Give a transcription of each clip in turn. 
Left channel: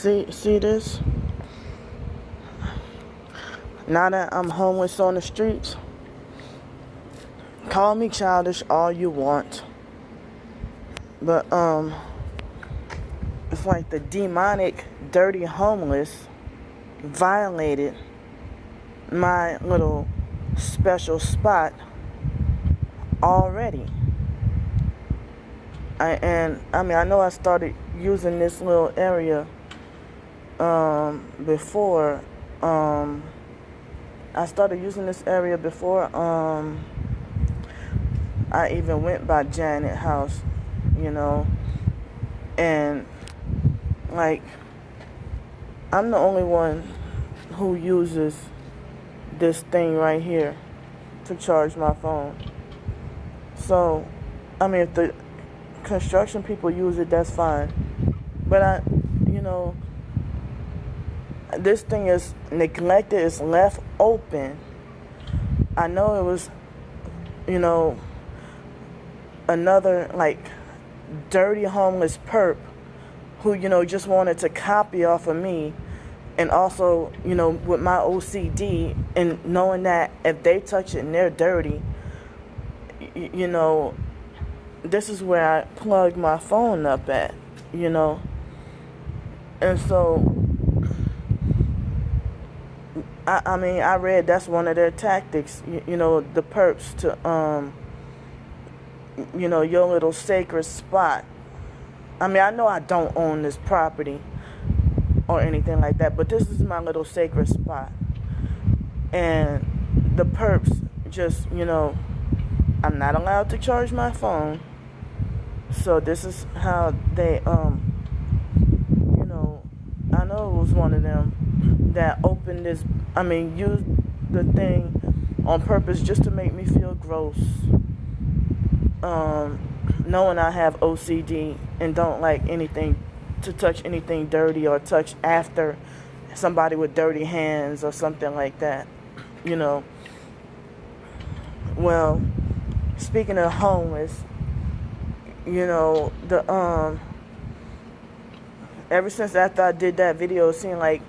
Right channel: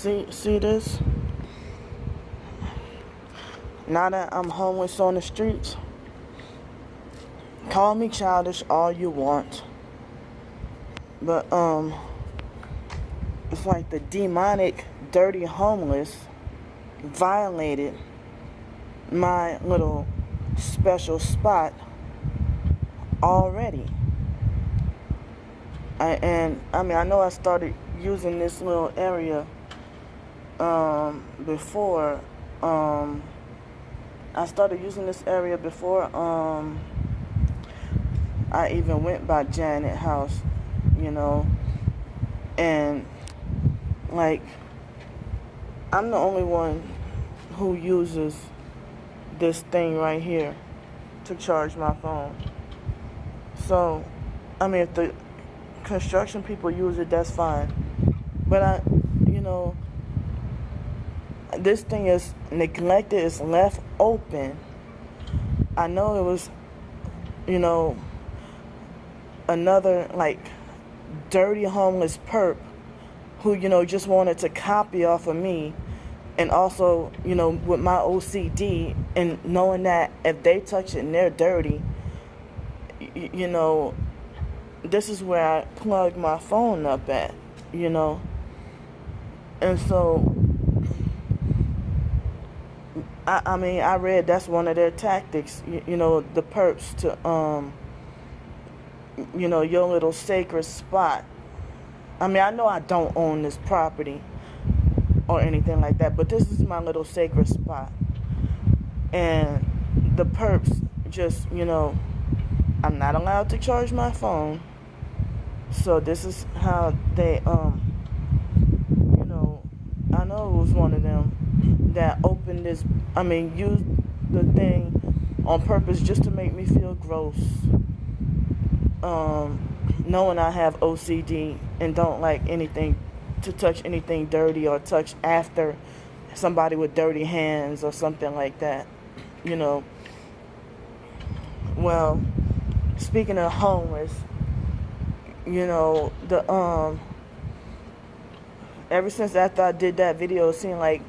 See this? Now that I'm homeless on the streets, call me childish all you want. But, it's like the demonic, dirty homeless violated my little special spot already. I know I started using this little area before. I started using this area before I even went by Janet House, and like I'm the only one who uses this thing right here to charge my phone. So, if the construction people use it, that's fine. But this thing is neglected, it's left open. I know it was, another like dirty homeless perp who, just wanted to copy off of me. And also, with my OCD and knowing that if they touch it and they're dirty, this is where I plug my phone up at, And so, I read that's one of their tactics, the perps to, your little sacred spot. I know I don't own this property or anything like that, but this is my little sacred spot. And the perps just, I'm not allowed to charge my phone. So this is how they, I know it was one of them that opened this, used the thing on purpose just to make me feel gross. Knowing I have OCD and don't like anything to touch anything dirty or touch after somebody with dirty hands or something like that, Well, speaking of homeless, ever since after I did that video, it seemed like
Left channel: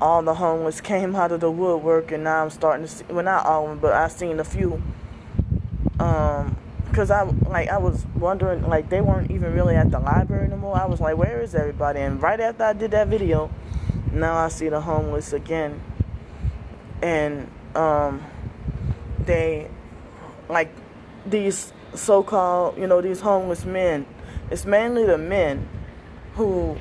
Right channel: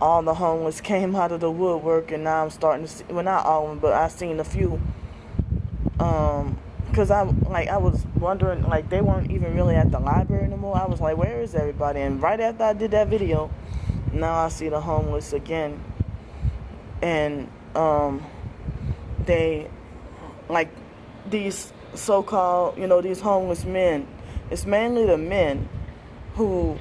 all the homeless came out of the woodwork, and now I'm starting to see, well, not all of them, but I've seen a few. Because I was wondering, they weren't even really at the library anymore. I was like, where is everybody? And right after I did that video, now I see the homeless again. And they, these so-called, these homeless men, it's mainly the men who,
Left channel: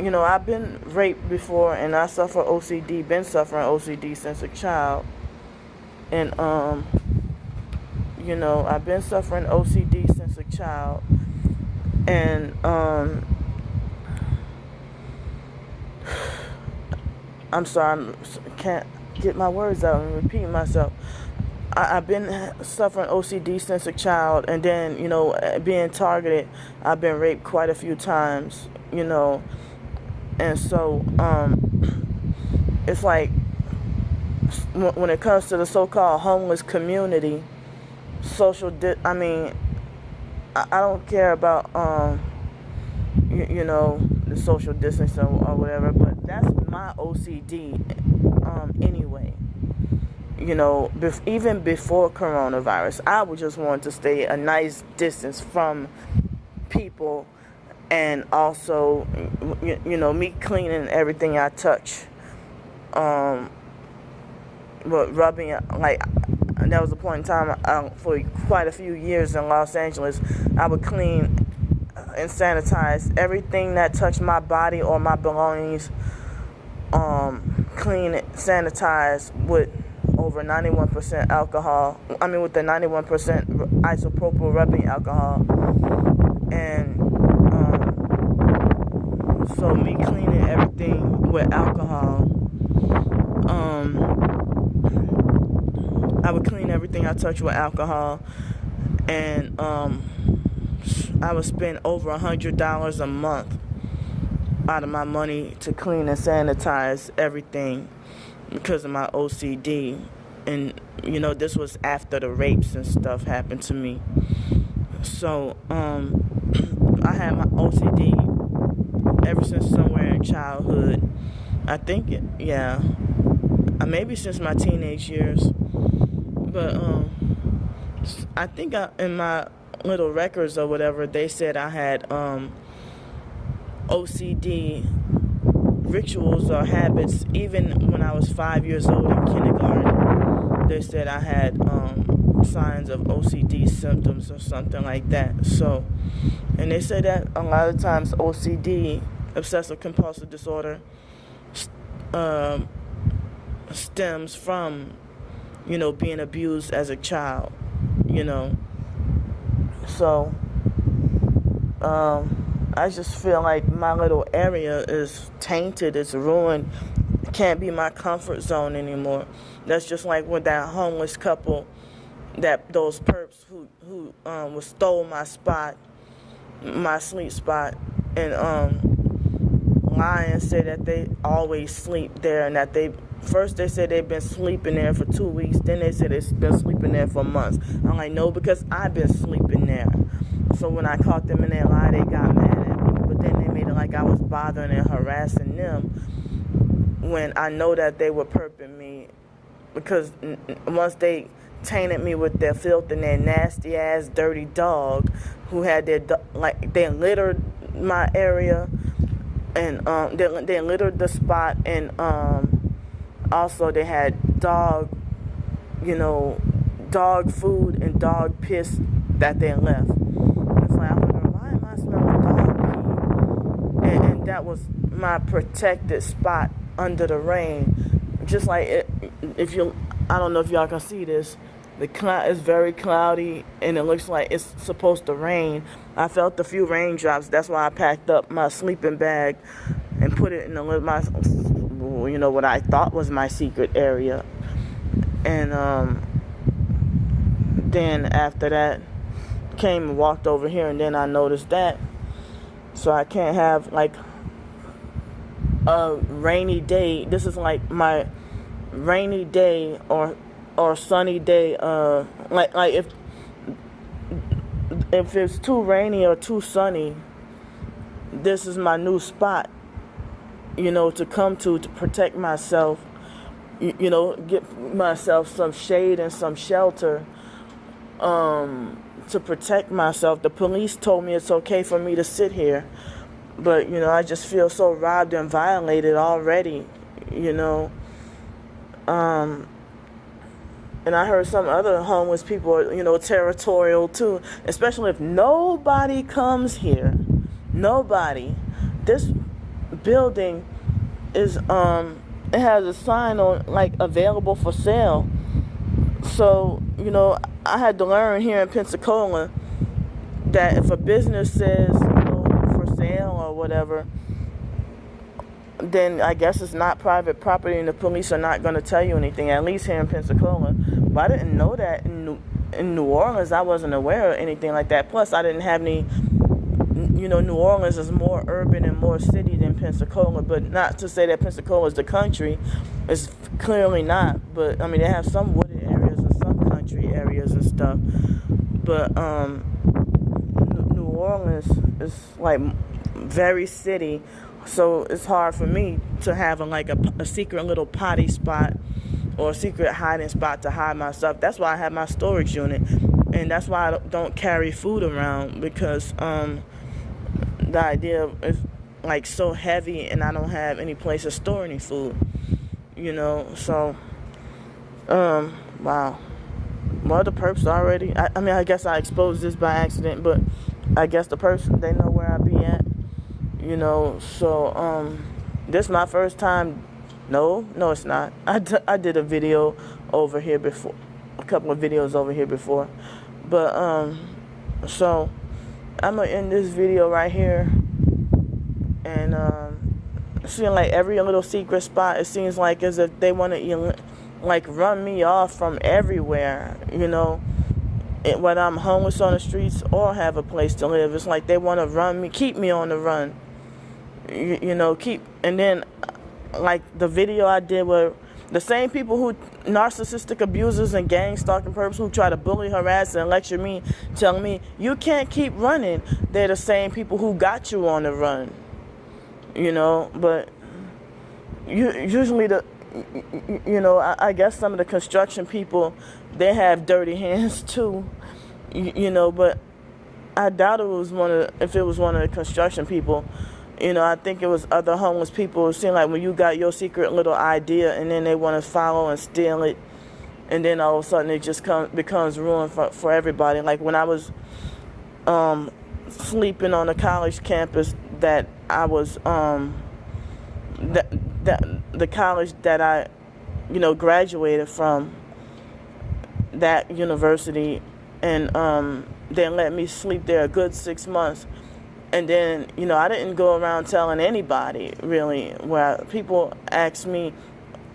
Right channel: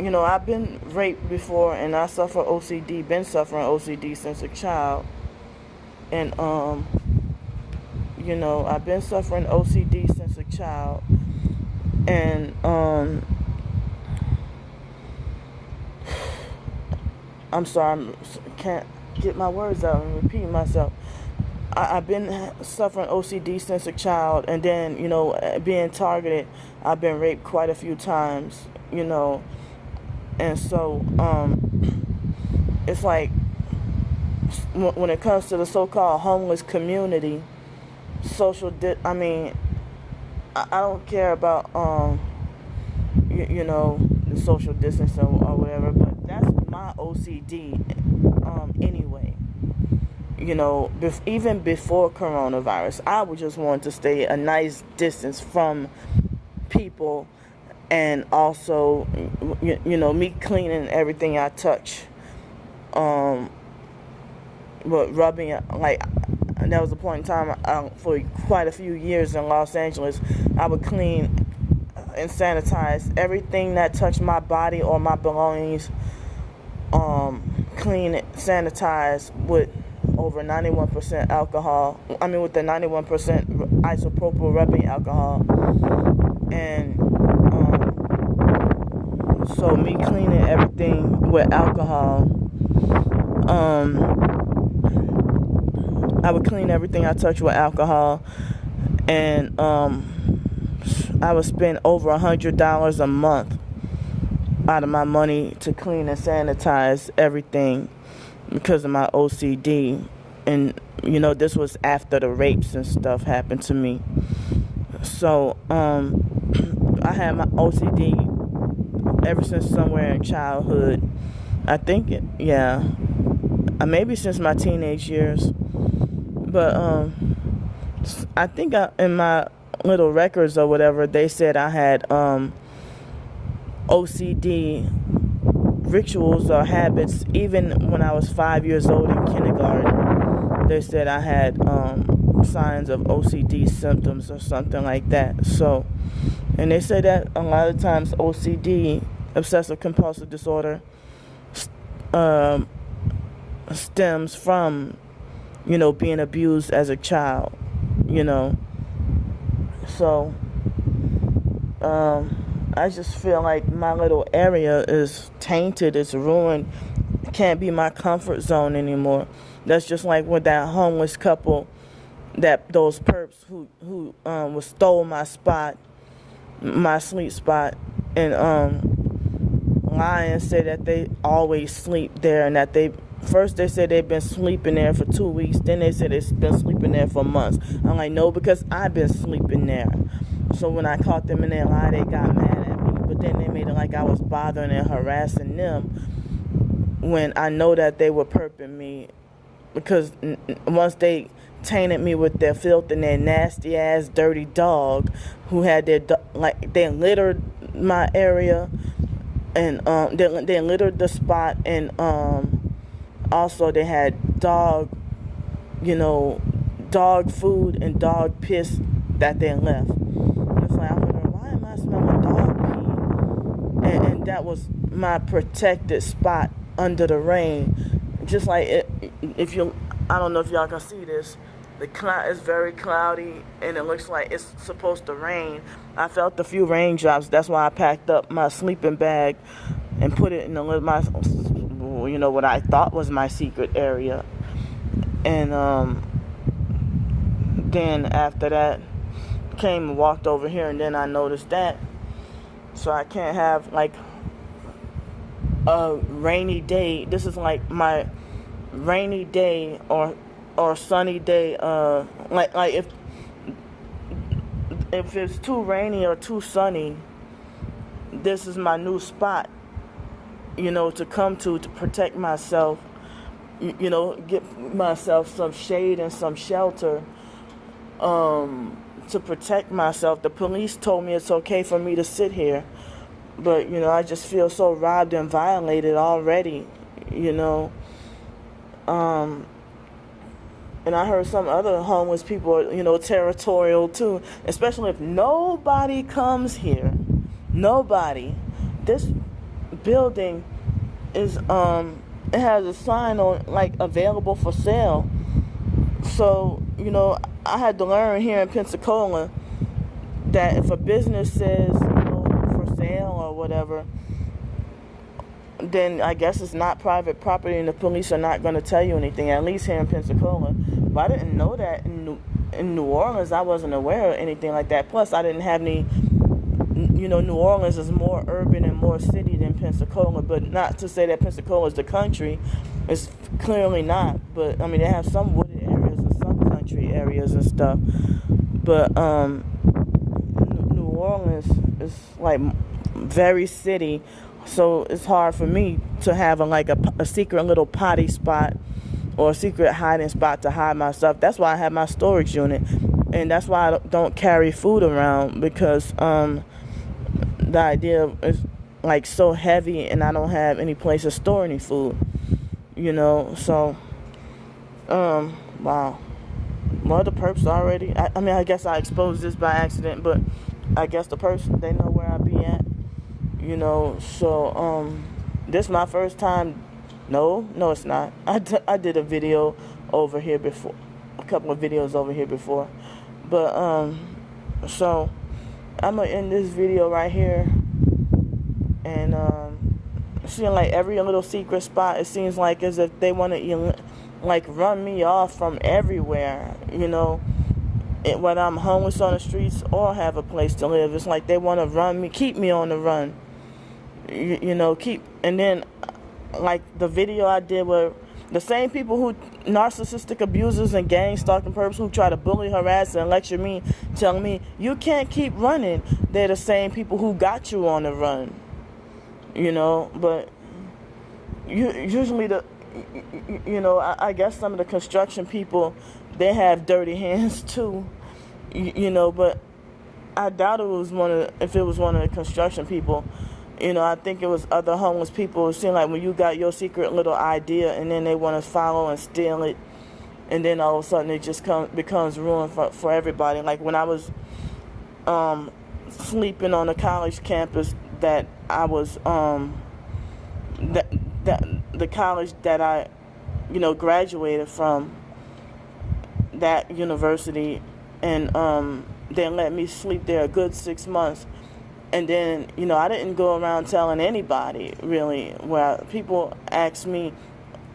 I've been raped before, and I suffer OCD, been suffering OCD since a child. And, I've been suffering OCD since a child. And, I'm sorry, I can't get my words out and repeat myself. I've been suffering OCD since a child, and then, being targeted, I've been raped quite a few times, and so, it's like, when it comes to the so-called homeless community, I don't care about, the social distancing or whatever, but that's my OCD, anyway. Even before coronavirus, I would just want to stay a nice distance from people, and also, me cleaning everything I touch. But rubbing, there was a point in time, for quite a few years in Los Angeles, I would clean and sanitize everything that touched my body or my belongings, clean it, sanitize with over 91% alcohol, with the 91% isopropyl rubbing alcohol, and, so me cleaning everything with alcohol, I would clean everything I touch with alcohol, and, I would spend over $100 a month out of my money to clean and sanitize everything because of my OCD. And, this was after the rapes and stuff happened to me. So, I had my OCD ever since somewhere in childhood. I think, yeah, maybe since my teenage years. But I think in my little records or whatever, they said I had OCD rituals or habits even when I was 5 years old in kindergarten. They said I had signs of OCD symptoms or something like that. So, and they say that a lot of times OCD, obsessive compulsive disorder, stems from, being abused as a child, So, I just feel like my little area is tainted, it's ruined, can't be my comfort zone anymore. That's just like with that homeless couple, those perps who stole my spot, my sleep spot, and lie and say that they always sleep there, and that first they said they've been sleeping there for 2 weeks, then they said they've been sleeping there for months. I'm like, no, because I've been sleeping there. So when I caught them in that lie, they got mad at me, but then they made it like I was bothering and harassing them when I know that they were perping me, because once they tainted me with their filth and their nasty ass dirty dog who had they littered my area, and they littered the spot, and also they had dog food and dog piss that they left. It's like, I'm wondering, why am I smelling dog pee? And that was my protected spot under the rain. Just like I don't know if y'all can see this. The cloud is very cloudy, and it looks like it's supposed to rain. I felt a few raindrops. That's why I packed up my sleeping bag and put it in what I thought was my secret area. And then after that, came and walked over here, and then I noticed that. So I can't have like a rainy day. This is like my rainy day or sunny day. Like if it's too rainy or too sunny, this is my new spot, to come to protect myself, get myself some shade and some shelter, to protect myself. The police told me it's okay for me to sit here, but, I just feel so robbed and violated already, And I heard some other homeless people are, territorial too, especially if nobody comes here. Nobody. This building is, it has a sign on, like, available for sale. So, I had to learn here in Pensacola that if a business says, for sale or whatever, then I guess it's not private property and the police are not going to tell you anything, at least here in Pensacola. But I didn't know that in New Orleans. I wasn't aware of anything like that. Plus, I didn't have any, New Orleans is more urban and more city than Pensacola. But not to say that Pensacola is the country. It's clearly not. But, they have some wooded areas and some country areas and stuff. But New Orleans is, like, very city. So it's hard for me to have a secret little potty spot or a secret hiding spot to hide myself. That's why I have my storage unit. And that's why I don't carry food around, because the idea is like so heavy and I don't have any place to store any food. So, wow. Well, the perps already, I guess I exposed this by accident, but I guess the person, they know where I be at. So, this is my first time. No, it's not. I did a video over here before, a couple of videos over here before. But, so, I'm going to end this video right here. And, it seems like every little secret spot, it seems like as if they want to, run me off from everywhere, when I'm homeless on the streets or have a place to live. It's like they want to keep me on the run. And then, like the video I did where the same people who, narcissistic abusers and gang stalking perps who try to bully, harass, and lecture me, telling me, you can't keep running, they're the same people who got you on the run. but usually I guess some of the construction people, they have dirty hands too, but I doubt if it was one of the construction people. I think it was other homeless people. It seemed like when you got your secret little idea and then they want to follow and steal it, and then all of a sudden it just becomes ruin for everybody. Like when I was sleeping on a college campus that I was the college that I graduated from, that university, and they let me sleep there a good 6 months. And then, I didn't go around telling anybody, really, where people ask me,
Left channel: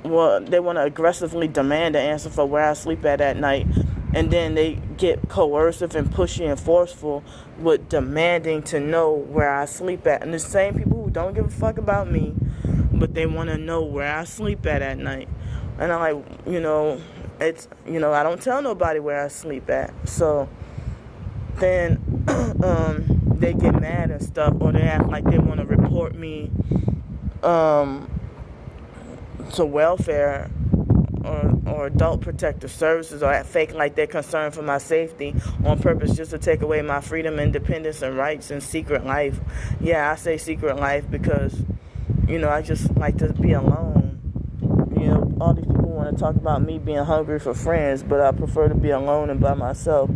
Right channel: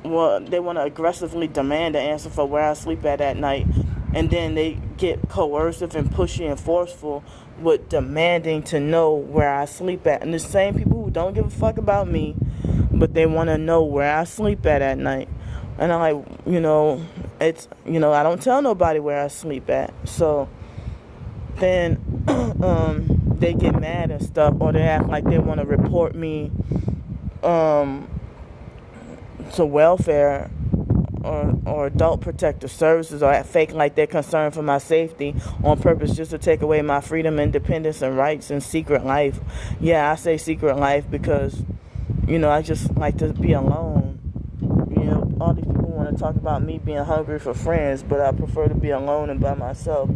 well, they want to aggressively demand an answer for where I sleep at night. And then they get coercive and pushy and forceful with demanding to know where I sleep at. And the same people who don't give a fuck about me, but they want to know where I sleep at night. And I'm like, it's, I don't tell nobody where I sleep at. So then they get mad and stuff, or they act like they want to report me to welfare or adult protective services, or act fake like they're concerned for my safety on purpose just to take away my freedom, independence, and rights and secret life. Yeah, I say secret life because, I just like to be alone. All these people want to talk about me being hungry for friends, but I prefer to be alone and by myself.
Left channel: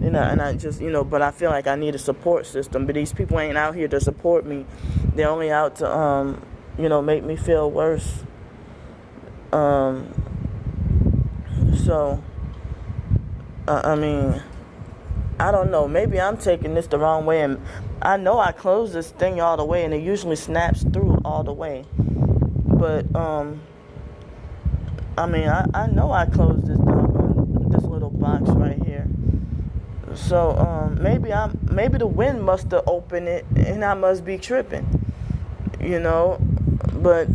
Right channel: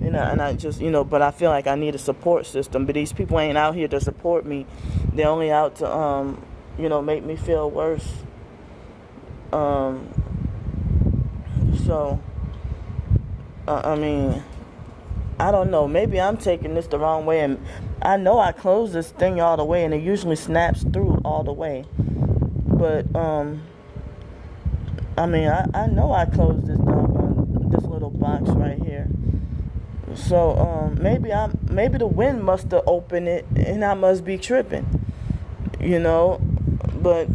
And I just, but I feel like I need a support system. But these people ain't out here to support me. They're only out to, make me feel worse. So, I mean, I don't know. Maybe I'm taking this the wrong way. And I know I closed this thing all the way, and it usually snaps through all the way. But, I mean, I know I closed this little box right here. So maybe the wind must have opened it, and I must be tripping, But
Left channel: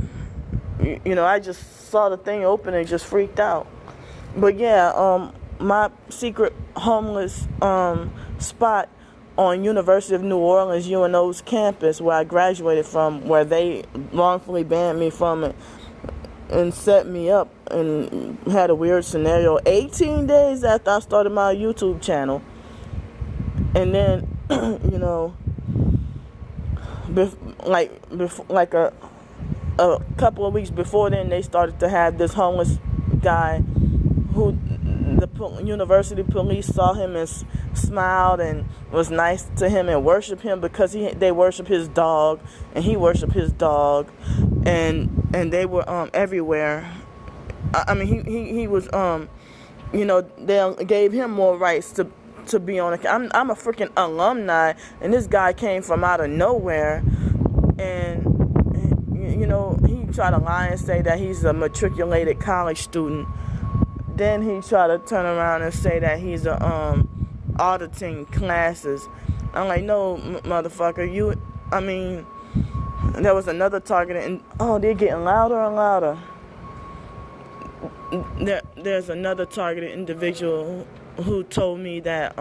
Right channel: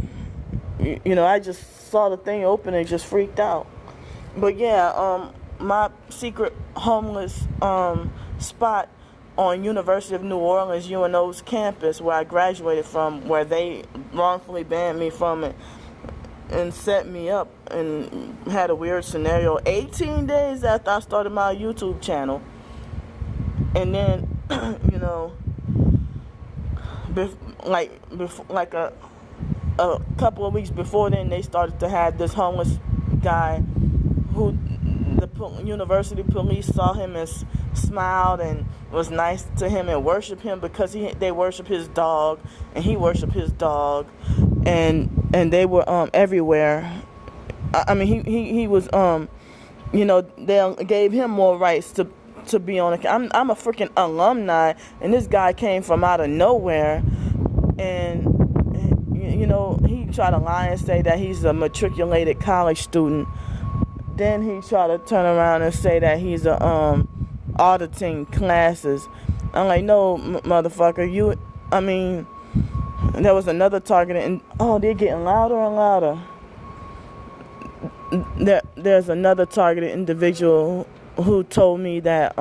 I just saw the thing open and just freaked out. But yeah, my secret homeless spot on University of New Orleans UNO's campus, where I graduated from, where they wrongfully banned me from it and set me up and had a weird scenario 18 days after I started my YouTube channel. And then, like a couple of weeks before then, they started to have this homeless guy who the university police saw him and smiled and was nice to him and worshiped him because they worship his dog and he worshiped his dog, and they were everywhere. I mean, he was they gave him more rights to be on I'm a freaking alumni, and this guy came from out of nowhere, and he tried to lie and say that he's a matriculated college student. Then he tried to turn around and say that he's auditing classes. I'm like, no, motherfucker, there was another target, and they're getting louder and louder. There's another targeted individual who told me that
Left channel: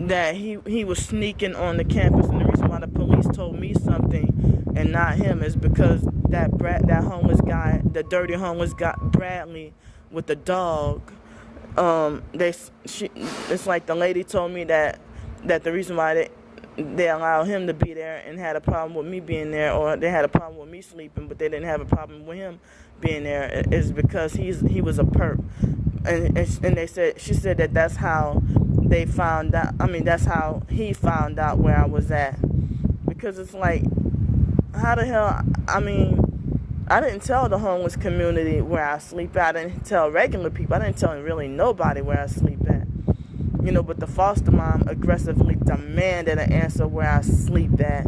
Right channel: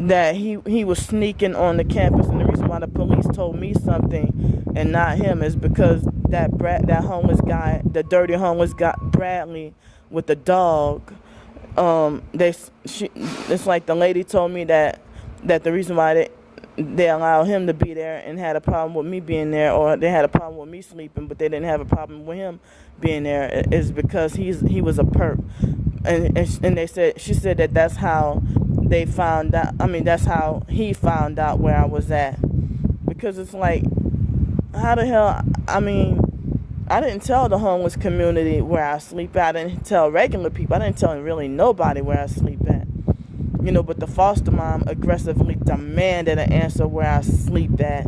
that he was sneaking on the campus, and the reason why the police told me something and not him is because that homeless guy, the dirty homeless guy, Bradley, with the dog, it's like the lady told me that the reason why they allowed him to be there and had a problem with me being there, or they had a problem with me sleeping, but they didn't have a problem with him being there, is because he was a perp. And she said that that's how they found out. I mean, that's how he found out where I was at. Because it's like, how the hell? I mean, I didn't tell the homeless community where I sleep at. I didn't tell regular people. I didn't tell really nobody where I sleep at. But the foster mom aggressively demanded an answer where I sleep at.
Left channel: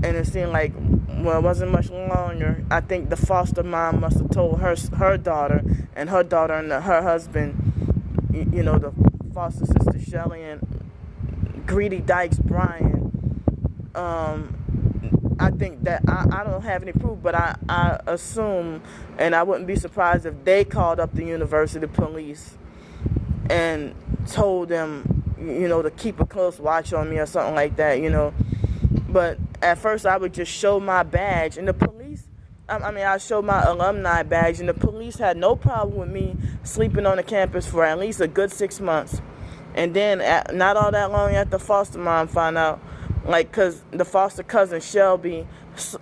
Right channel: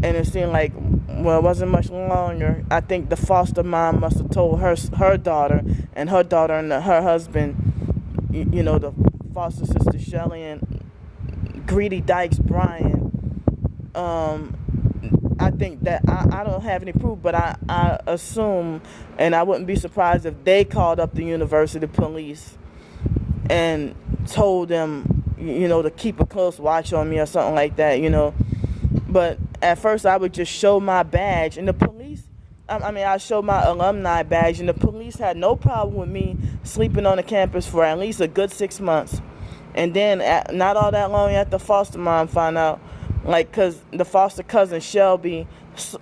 And it seemed like, well, it wasn't much longer. I think the foster mom must have told her daughter and her husband, the foster sister Shelly and Greedy Dykes Brian. I think that I don't have any proof, but I assume, and I wouldn't be surprised if they called up the university police and told them, to keep a close watch on me or something like that, But at first I would just show my badge, and the police, I showed my alumni badge, and the police had no problem with me sleeping on the campus for at least a good 6 months. And then, not all that long after foster mom found out, like, because the foster cousin, Shelby,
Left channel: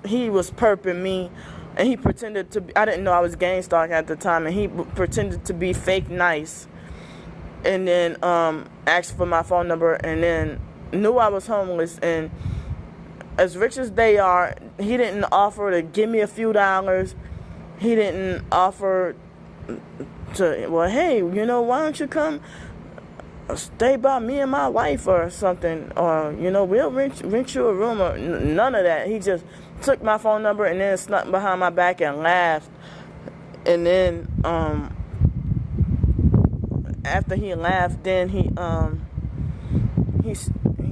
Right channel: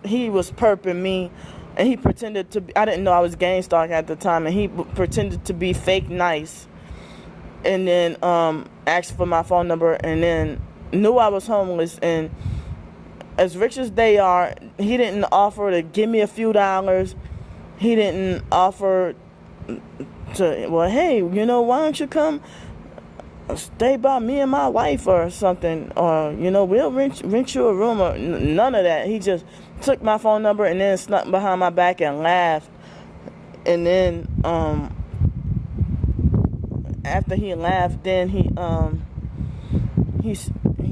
he was perping me, and he pretended to be, I didn't know I was gang stalking at the time, and he pretended to be fake nice, and then asked for my phone number, and then knew I was homeless. And as rich as they are, he didn't offer to give me a few dollars. He didn't offer to, well, hey, why don't you come stay by me and my wife or something, or we'll rent you a room, or none of that. He just took my phone number and then snuck behind my back and laughed. And then after he laughed, then he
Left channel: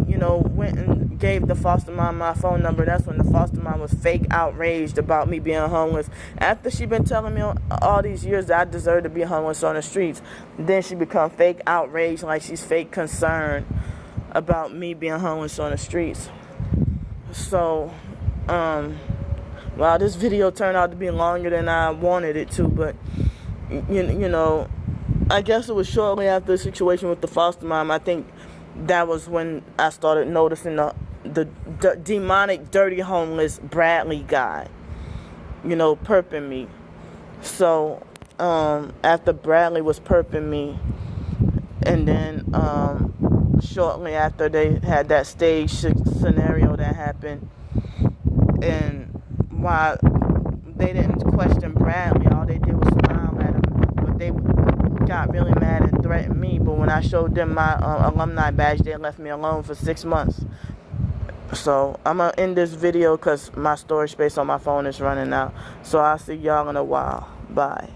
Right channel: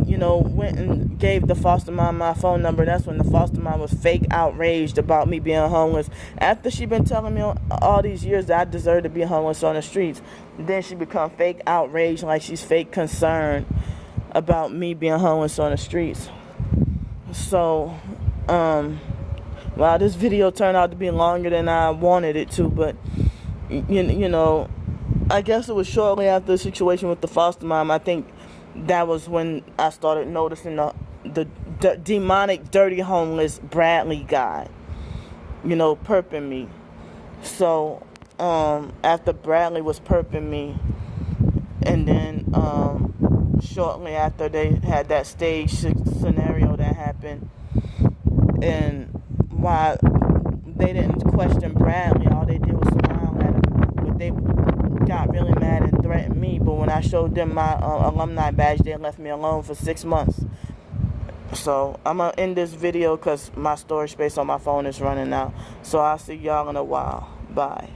went and gave the foster mom my phone number. That's when the foster mom was fake outraged about me being homeless. After she been telling me all these years that I deserve to be homeless on the streets, then she become fake outraged, like she's fake concerned about me being homeless on the streets. So, this video turned out to be longer than I wanted it to, but I guess it was shortly after the situation with the foster mom. I think that was when I started noticing the demonic, dirty, homeless Bradley guy, perping me. So, after Bradley was perping me, and then shortly after they had that stage scenario that happened, and while they didn't question Bradley, all they did was smile at him, but they got really mad and threatened me. But when I showed them my alumni badge, they left me alone for 6 months. So I'm gonna end this video because my storage space on my phone is running out. So I'll see y'all in a while. Bye.